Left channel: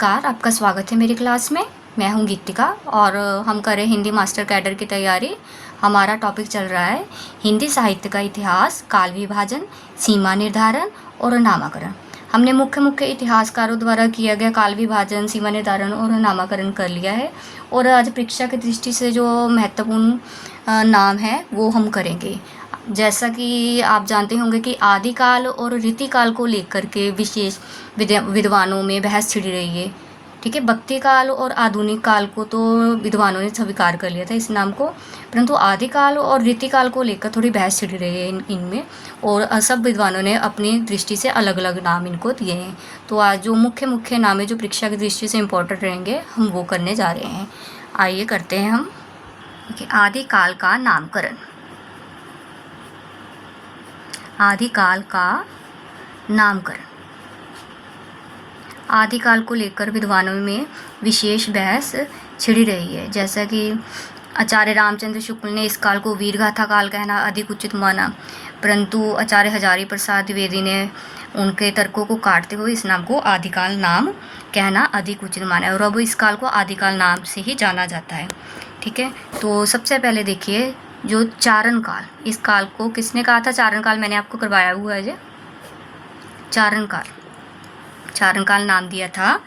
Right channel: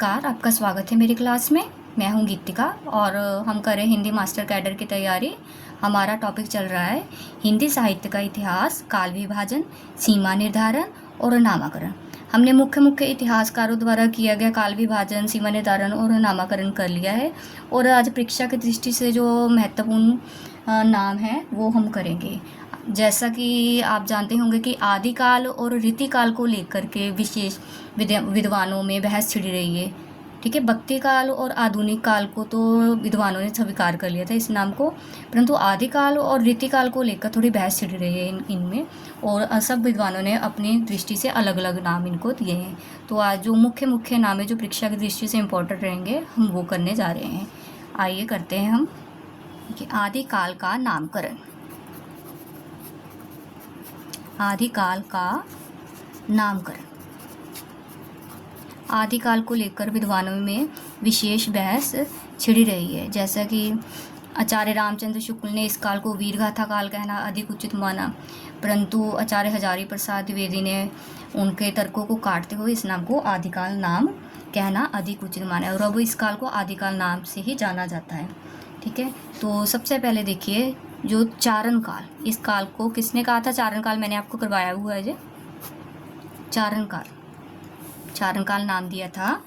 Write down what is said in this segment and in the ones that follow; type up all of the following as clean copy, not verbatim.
नमस्कार, आपका स्वागत है मेरी क्लास में। मैं हूं गीतिका और हम कर रहे हैं हिंदी मास्टर कैडर की तैयारी। हमारा टॉपिक चल रहा है हिंदी साहित्य का इतिहास, काल विभाजन, सीमा निर्धारण और नामाकरण। हमने मुख्य मुख्य इतिहासकारों द्वारा किया गया काल विभाजन, सीमा निर्धारण और नामाकरण कर लिया है और आज परीक्षा की दृष्टि से जो महत्वपूर्ण नाम है वो हम करेंगे। जैसा कि आप जानते होंगे कि आदिकाल और रीतिकाल को लेकर के विशेष विद्वानों में बहस छिड़ी रही है। ठीक है, भक्ति काल और आधुनिक काल को तो विद्वानों ने स्वीकार कर लिया था इस नाम को, परंतु आदिकाल और रीतिकाल को लेकर थोड़ी बहस छिड़ी रही है इनमें और सब विद्वानों ने अपनी दृष्टि से अलग अलग नाम इनको दिए हैं। तो आज जो मुख्य मुख्य नाम है जो परीक्षा की दृष्टि से इम्पोर्टेंट रहेंगे हम वो करने जा रहे हैं। आइए करते हैं हम। आदिकाल का नामकरण। आदिकाल का नामकरण। आदिकाल को लेकर विद्वानों में विशेष बहस छिड़ी रही है। जैसा कि आचार्य रामचंद्र शुक्ल ने इस काल को वीरगाथा काल कहना अधिक उचित माना, परंतु आचार्य हजारी प्रसाद द्विवेदी ने उनके तर्कों को काटते हुए इस नाम को आदिकाल नाम कहना अधिक उचित माना है और अब इस काल को आदिकाल नाम से ही जाना जाता है। ठीक है, तो सबसे पहले देखिए जो चारण काल, इस काल को किसने कहा था? चारण काल मैंने आपको करवाया हुआ है। चारण काल, चारण काल नाम दिया था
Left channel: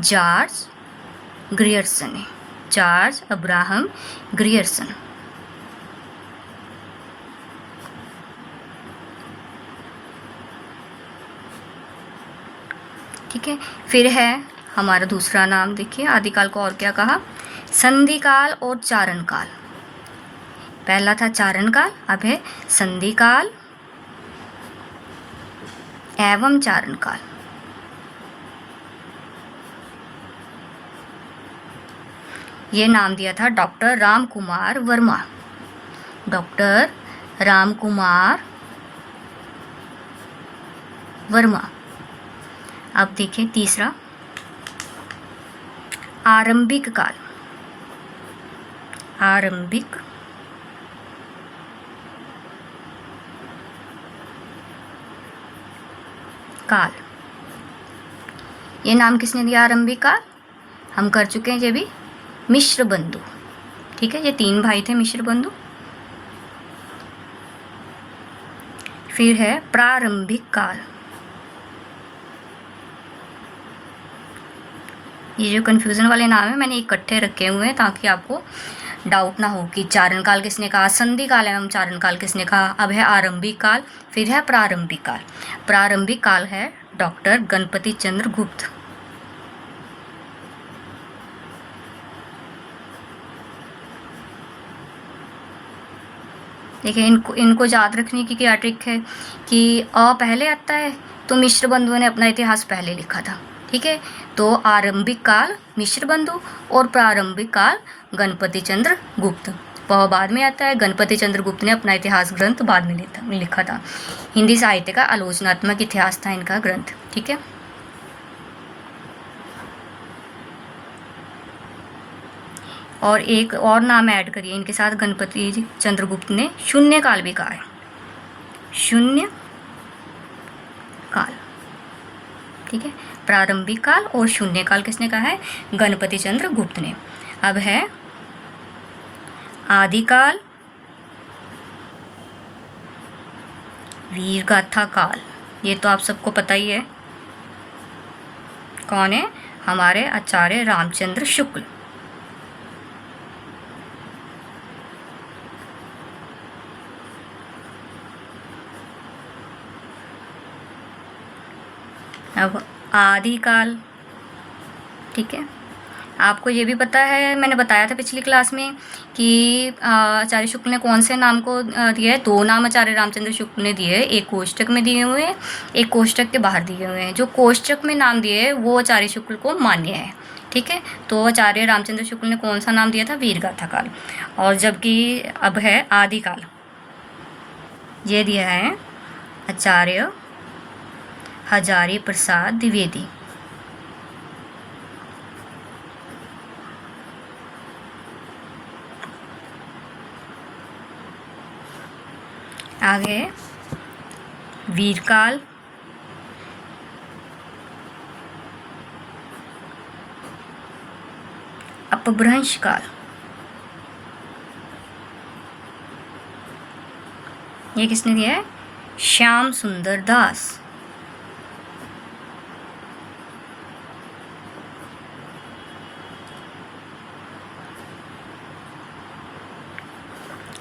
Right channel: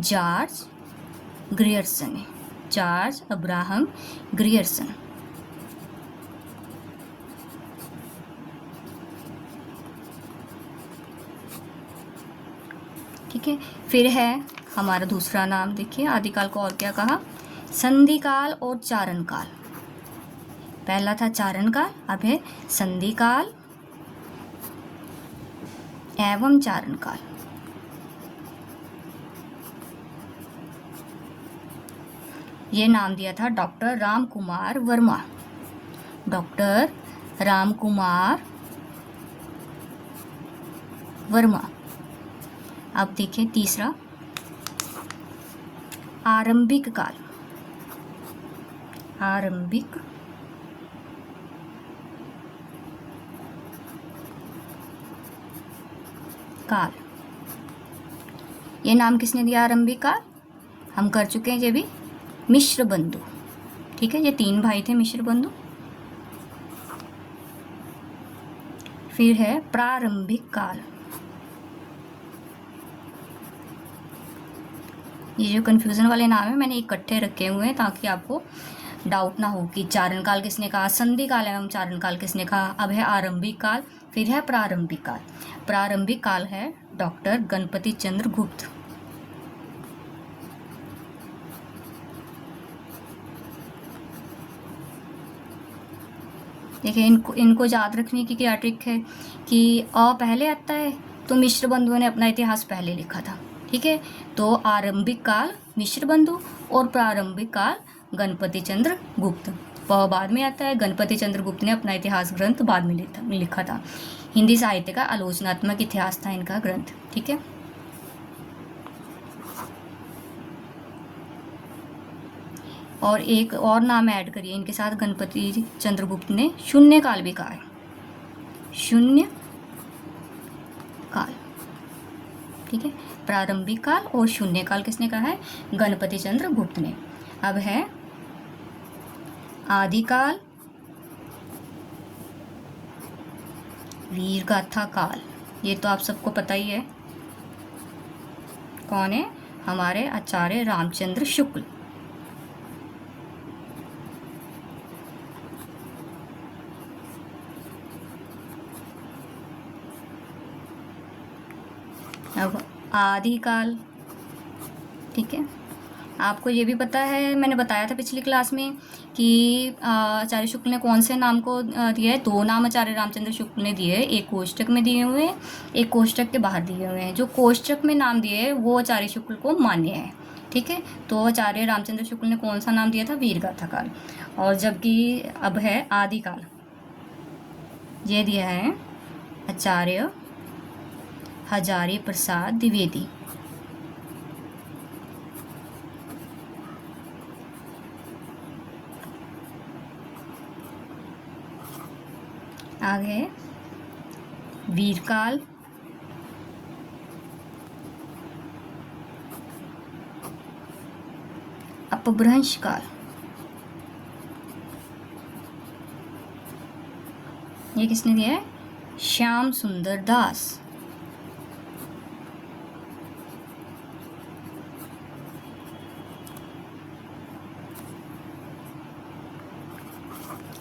जॉर्ज ग्रियर्सन ने, जॉर्ज अब्राहम ग्रियर्सन। ठीक है, फिर है हमारा दूसरा नाम। देखिए आदिकाल को और क्या कहा? संधि काल और चारण काल। पहला था चारण काल, अब है संधि काल एवं चारण काल। ये नाम दिया था डॉक्टर रामकुमार वर्मा। डॉक्टर रामकुमार वर्मा। अब देखें तीसरा आरंभिक काल। आरंभिक काल, ये नाम किसने दिया? आरंभिक काल हम कर चुके हैं ये भी, मिश्र बंधु। ठीक है, ये तीन भाई थे मिश्र बंधु। फिर है प्रारंभिक काल। ये जो कंफ्यूजन वाले नाम है मैंने इकट्ठे रखे हुए हैं ताकि आपको डाउट ना हो कि चारण काल किसने कहा, संधि काल एवं चारण काल किसने कहा। अब है आरंभिक काल, फिर है प्रारंभिक काल। प्रारंभिक काल है डॉक्टर गणपति चंद्र गुप्त। देखिए इनको याद रखने की क्या ट्रिक है कि अ पहले आता है तो मिश्र बंधुओं ने अपना इतिहास पहले लिखा था। ठीक है, तो आरंभिक काल मिश्र बंधु और प्रारंभिक काल गणपति चंद्र गुप्त। वह बाद में आता है, गणपति चंद्र गुप्त ने अपना इतिहास ग्रंथ बाद में लिखा था। हिंदी साहित्य का आलोचनात्मक इतिहास था इनका ग्रंथ। ठीक है, और एक और नाम ऐड करिए इनके साथ, गणपति चंद्रगुप्त ने शून्य काल भी कहा है। शून्य काल। ठीक है, प्रारंभिक काल और शून्य काल किसने कहा है? गणपति चंद्र गुप्त ने। अब है आदिकाल, वीरगाथा काल। ये तो आप सबको पता ही है कौन है? हमारे आचार्य रामचंद्र शुक्ल। अब आदिकाल। ठीक है, आपको ये भी पता है, मैंने बताया था पिछली क्लास में कि आचार्य शुक्ल ने कौन से नाम को दिया है? दो नाम आचार्य रामचंद्र शुक्ल ने दिए हैं, एक कोष्टक में दिए हुए हैं, एक कोष्टक के बाहर दिए हुए हैं। जो कोष्टक में नाम दिए हैं वो आचार्य शुक्ल को मान्य है। ठीक है, तो आचार्य रामचंद्र शुक्ल ने कौन सा नाम दिया था? वीरगाथा काल। और जबकि अब है आदिकाल, ये दिया है आचार्य हजारी प्रसाद द्विवेदी। आगे वीरकाल, अपभ्रंश काल, ये किसने दिया है? श्याम सुंदर दास।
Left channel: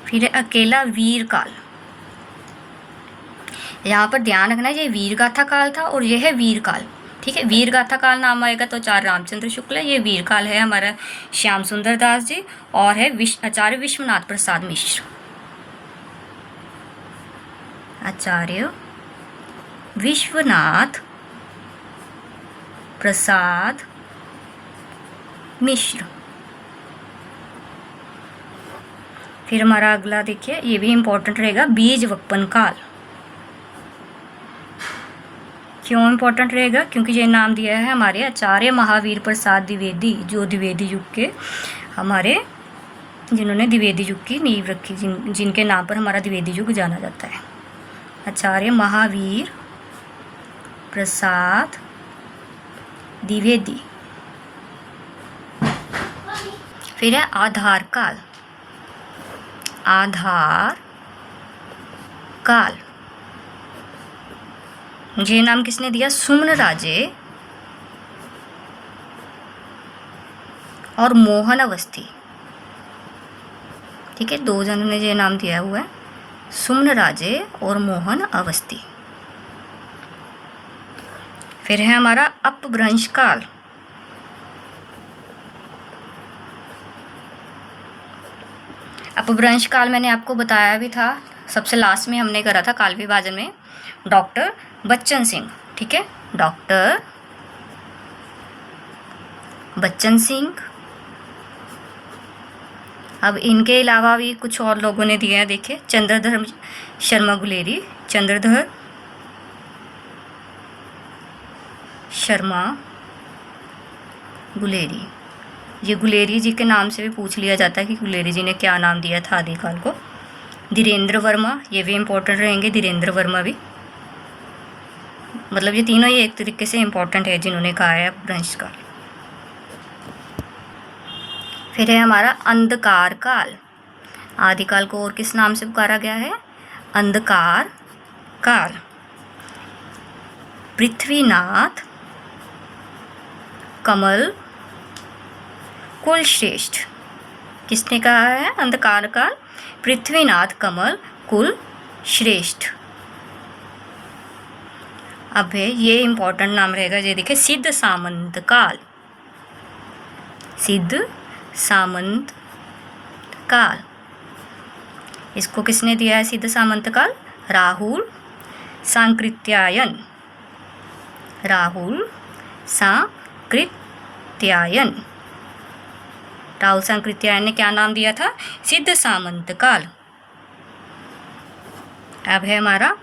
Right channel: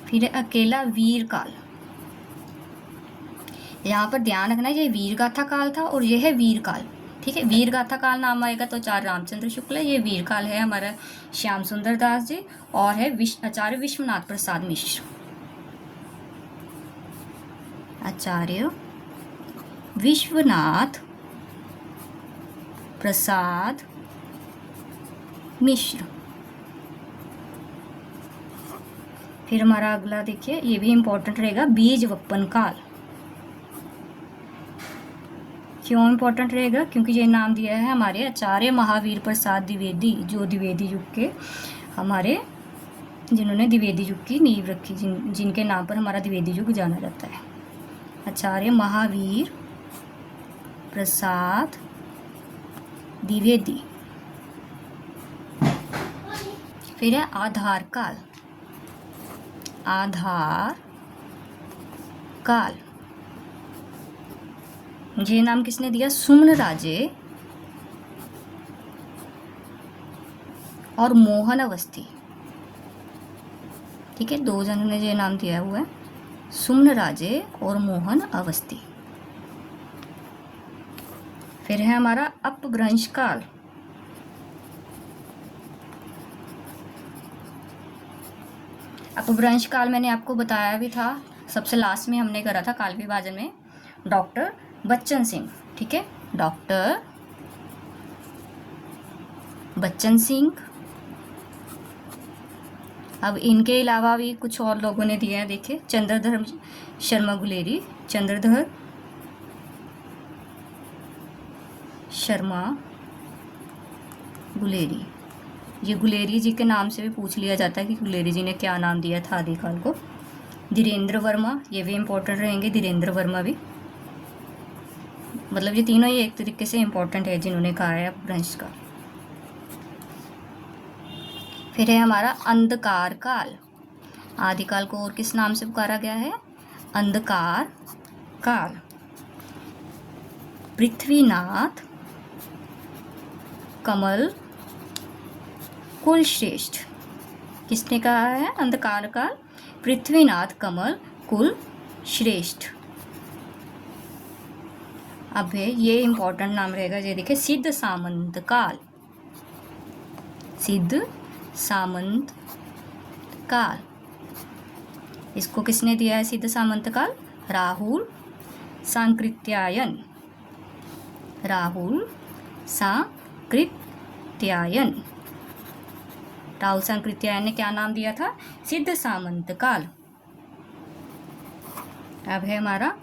फिर है अकेला वीर काल। यहाँ पर ध्यान रखना है, ये वीर गाथा काल था और यह है वीर काल, ठीक है। वीर गाथा काल नाम आएगा तो आचार्य रामचंद्र शुक्ल है, ये वीर काल है हमारा श्याम सुंदर दास जी, और है आचार्य विश्वनाथ प्रसाद मिश्र। आचार्य विश्वनाथ प्रसाद मिश्र। फिर हमारा अगला देखिए, ये भी इम्पोर्टेंट रहेगा, बीज वपन काल। क्यों इम्पोर्टेंट रहेगा? क्योंकि ये नाम दिया है हमारे आचार्य महावीर प्रसाद द्विवेदी, जो द्विवेदी युग के हमारे, जिन्होंने द्विवेदी युग की नींव रखी, जिनके नाम पर हमारा द्विवेदी युग जाना जाता है। आचार्य महावीर प्रसाद द्विवेदी। फिर है आधार काल। आधार काल, ये नाम किसने दिया? सुमन राजे और मोहन अवस्थी, ठीक है, दो जनों ने ये नाम दिया हुआ है, सुमन राजे और मोहन अवस्थी। फिर है हमारा अपभ्रंश काल। अपभ्रंश काल मैंने आपको बताया भी था, सबसे लास्ट में हमने करा था काल विभाजन में, डॉक्टर बच्चन सिंह, ठीक है, डॉक्टर बच्चन सिंह। अब इनके अलावा भी कुछ और लोगों ने दिया है, देखिए, चंद्रधर शर्मा गुलेरी, चंद्रधर शर्मा गुलेरी, ये गुलेरी जी के नाम से भी पूछ लिया जाता है कि गुलेरी जी ने क्या नाम दिया था आदिकाल को। धीरेन्द्र वर्मा, ये भी इम्पोर्टेंट रहेंगे, धीरेन्द्र वर्मा भी, मतलब ये तीनों ही एक तरीके से इम्पोर्टेंट है जिन्होंने कहा है अपभ्रंश काल। फिर है हमारा अंधकार काल। आदिकाल को और किस नाम से पुकारा गया है? अंधकार काल। पृथ्वीनाथ कमल कुलश्रेष्ठ, किसने कहा है अंधकार काल? पृथ्वीनाथ कमल कुलश्रेष्ठ। अब है ये इम्पोर्टेंट नाम रहेगा, ये देखिए, सिद्ध सामंत काल। सिद्ध सामंत काल, इसको किसने दिया है सिद्ध सामंत काल? राहुल सांकृत्यायन। राहुल सांकृत्यायन, राहुल सांकृत्यायन ने क्या नाम दिया था? सिद्ध सामंत काल। अब है हमारा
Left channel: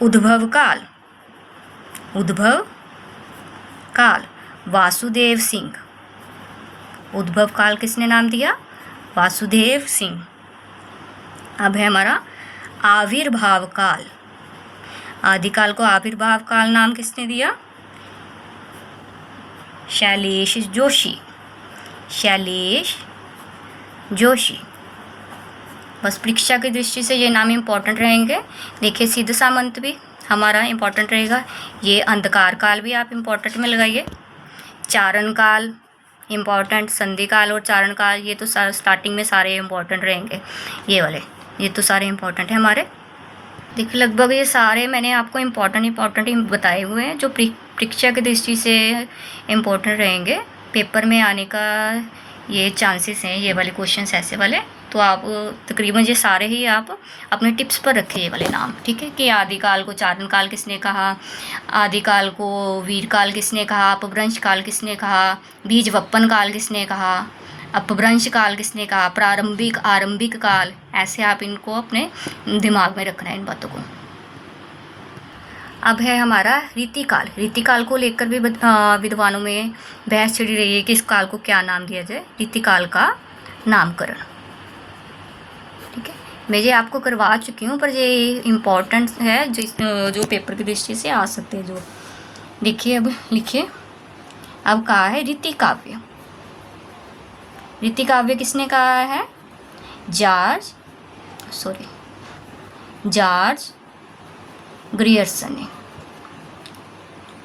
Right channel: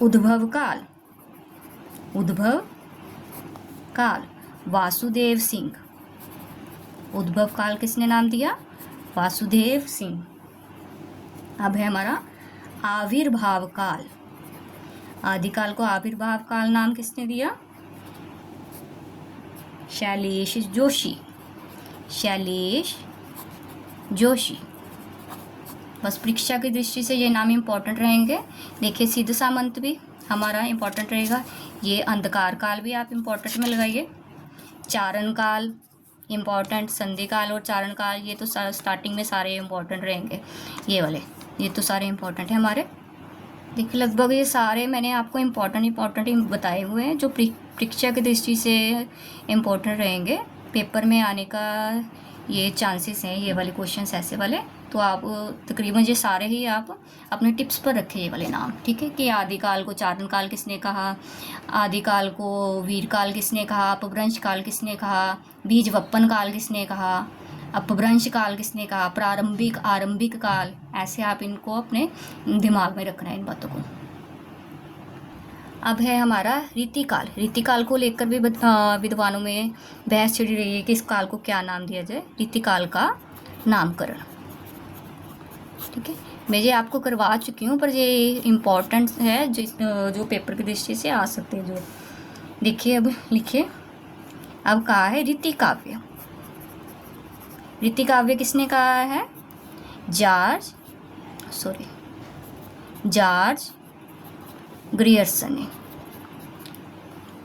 उद्भव काल। उद्भव काल, वासुदेव सिंह। उद्भव काल किसने नाम दिया? वासुदेव सिंह। अब है हमारा आविर्भाव काल। आदिकाल को आविर्भाव काल नाम किसने दिया? शैलेश जोशी। शैलेश जोशी। बस परीक्षा की दृष्टि से ये नाम इम्पोर्टेंट रहेंगे। देखिए, सिद्ध सामंत भी हमारा इम्पोर्टेंट रहेगा, ये अंधकार काल भी आप इम्पोर्टेंट में लगाइए। चारण काल इम्पोर्टेंट, संधि काल और चारण काल, ये तो स्टार्टिंग में सारे इम्पोर्टेंट रहेंगे, ये वाले, ये तो सारे इम्पोर्टेंट हैं हमारे। देखिए, लगभग ये सारे मैंने आपको इम्पोर्टेंट ही बताए हुए हैं जो परीक्षा की दृष्टि से इम्पोर्टेंट रहेंगे, पेपर में आने का ये चांसेस हैं, ये वाले क्वेश्चंस ऐसे वाले। तो आप तकरीबन ये सारे ही आप अपने टिप्स पर रखिए ये वाले नाम, ठीक है, कि आदिकाल को चारण काल किसने कहा, आदिकाल को वीर काल किसने कहा, अपभ्रंश काल किसने कहा, बीज वपन काल किसने कहा, अपभ्रंश काल किसने कहा, प्रारंभिक आरंभिक काल, ऐसे आप इनको अपने दिमाग में रखना है इन बातों को। अब है हमारा रीतिकाल। रीतिकाल को लेकर भी विद्वानों में बहस छिड़ी रही है कि इस काल को क्या नाम दिया जाए। रीतिकाल का नामकरण, ठीक है, मैं ये आपको करवा चुकी हूँ, पर ये इम्पोर्टेंट है जो पेपर की दृष्टि से आ सकते हैं। जो देखिए, अब लिखिए, अब कहा है रीति काव्य। रीतिकाव्य किसने कहा है? जॉर्ज ग्रियर्सन ने।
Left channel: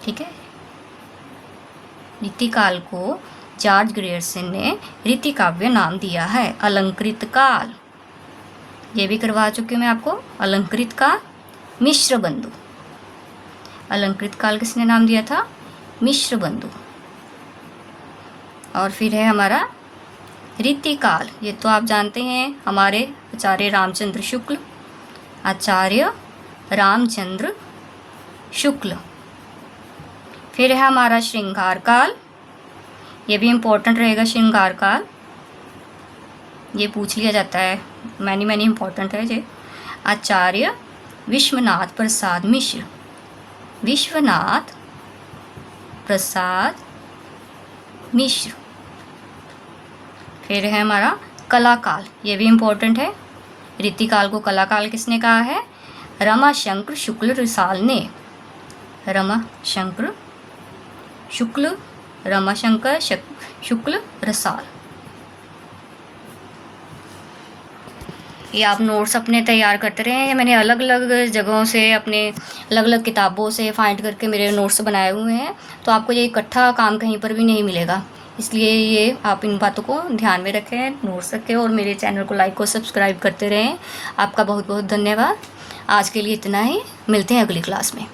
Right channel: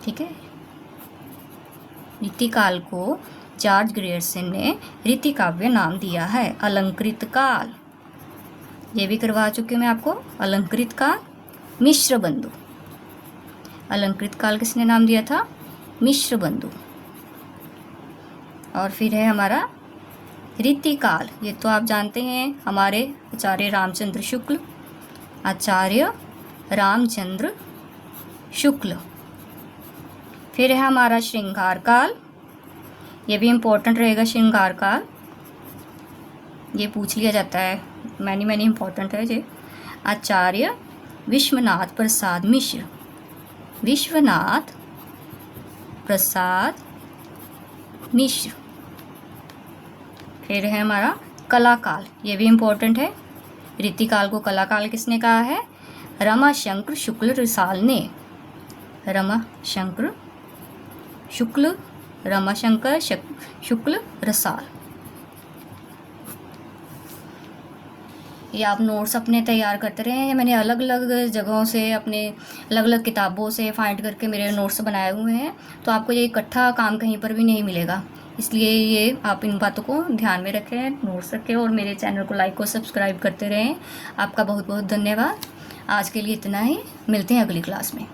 ठीक है, रीतिकाल को जॉर्ज ग्रियर्सन ने रीतिकाव्य नाम दिया है। अलंकृत काल, ये भी करवा चुकी हूँ मैं आपको। अलंकृत का मिश्रबंधु, अलंकृत काल किसने नाम दिया था? मिश्रबंधु। और फिर है हमारा रीतिकाल, ये तो आप जानते हैं, हमारे आचार्य रामचंद्र शुक्ल, आचार्य रामचंद्र शुक्ल। फिर है हमारा श्रृंगार काल, ये भी इम्पोर्टेंट रहेगा। श्रृंगार काल ये पूछ लिया जाता है, मैनी इम्पोर्टेंट है ये। आचार्य विश्वनाथ प्रसाद मिश्र, विश्वनाथ प्रसाद मिश्र। फिर है हमारा कलाकाल, ये भी इम्पोर्टेंट है। रीतिकाल को कलाकाल किसने कहा है? रमाशंकर शुक्ल रसाल ने। रमाशंकर शुक्ल रसाल। ये आप नोट्स अपने तैयार करते रहे। मैंने अलग अलग जगहों से, अपने अलग अलग किताबों से फाइंड करके मेरे नोट्स बनाए हुए हैं, तो आपको ये इकट्ठा काम कहीं पर भी नहीं मिलेगा। इसलिए ये आप इन बातों को ध्यान में रखें, नोट्स रखें और मेरे चैनल को लाइक और सब्सक्राइब करते रहें। आपका बहुत बहुत धन्यवाद। आज के लिए इतना ही, मिलते हैं अगली क्लास में।